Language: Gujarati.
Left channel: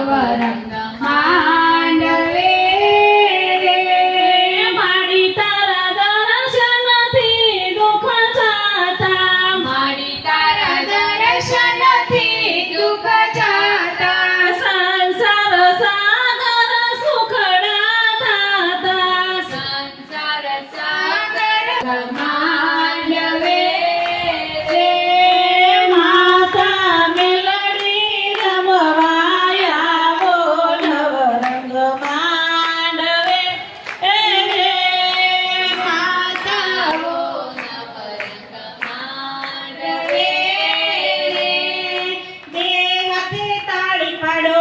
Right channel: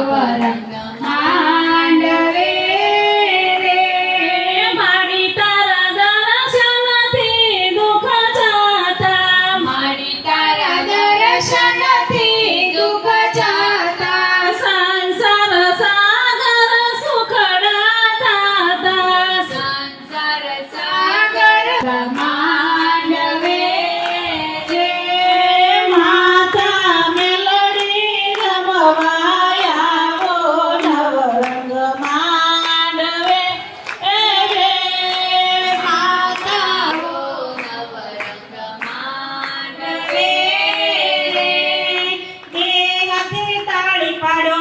નવરંગ માંડવે રે માડી તારા દર્શનથી દુઃખ જાતા માડી તારા દર્શનથી દુઃખ જાતા સંસાર સાગર સુખડા થાતા સંસાર સાગર માંડવે રે માતા મેલડી રમવાયાવો નવરંગ માંડવે રે માતાઓ નવરંગ માંડવે રે દેહથી તાળી પાડો